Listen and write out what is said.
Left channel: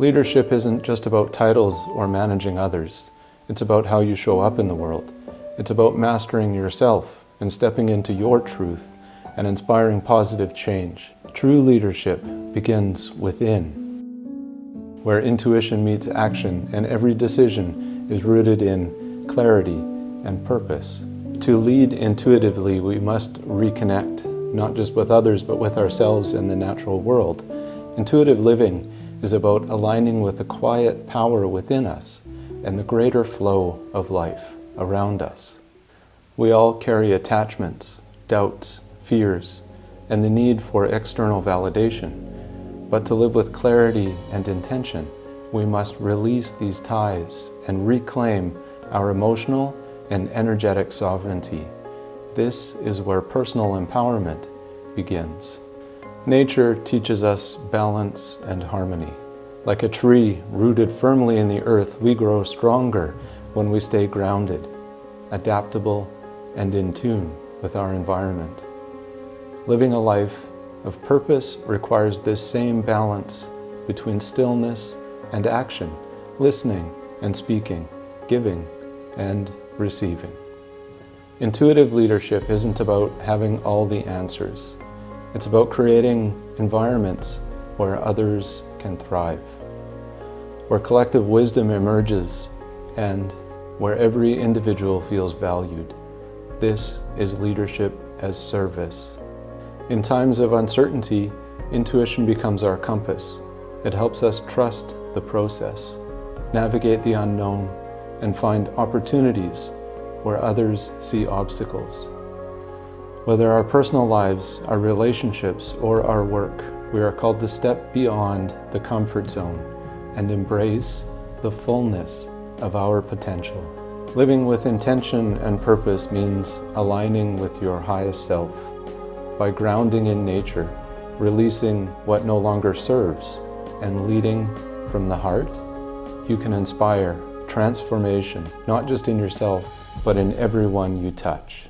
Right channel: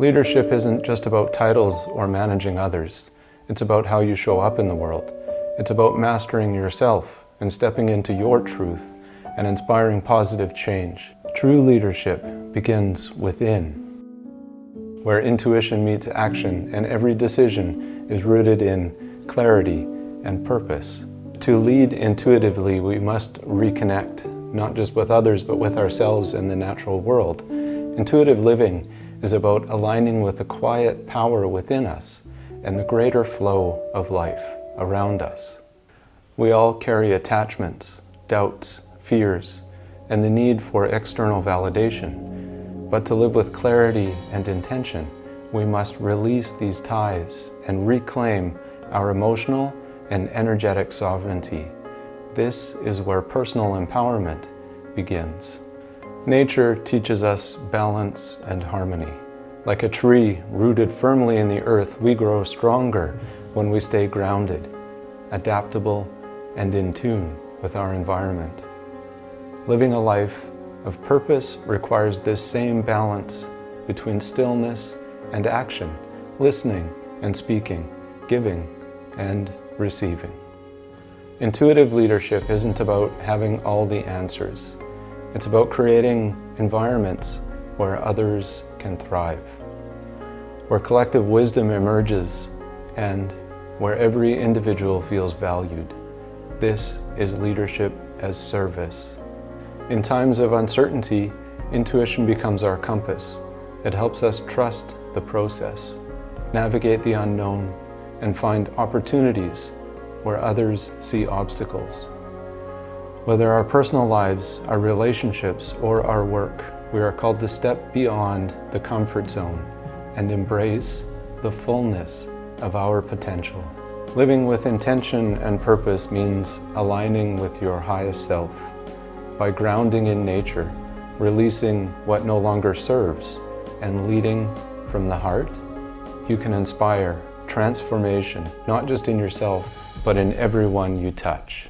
Leadership isn't just about titles or managing others. It's about how you show up in the world. It's about mastering yourself and stepping into your truth and inspiring positive change. True leadership begins within, where intuition meets action and every decision is rooted in clarity and purpose. To lead intuitively, we must reconnect, not just with others, but with ourselves and the natural world. Intuitive living is about aligning with the quiet power within us and the greater flow of life around us. We all carry attachments, doubts, fears, and the need for external validation. But to live with clarity and intention, we must release these ties and reclaim our emotional and energetic sovereignty. This is where personal empowerment begins. Nature teaches us balance and harmony. Like a tree rooted firmly in the earth, we grow stronger when we stay grounded, adaptable, and in tune with our environment. Living a life of purpose requires this same balance between stillness and action, listening and speaking, giving and receiving. Intuitive leadership isn't about having all the answers. It's about creating environments where others can thrive, where collective wisdom emerges, and where every individual feels valued. This is leadership as service. In times of uncertainty, intuition becomes our compass. It helps us trust the process, navigate the unknown, and find opportunities where others see obstacles. Whether our personal lives, our relationships, or our work, we are called to step beyond the comfort zone and embrace the fullness of our potential. Living with intention and purpose means aligning with your highest self. By grounding in nature, releasing what no longer serves, and leading from the heart, you can inspire transformation, not just in yourself, but in everyone you touch.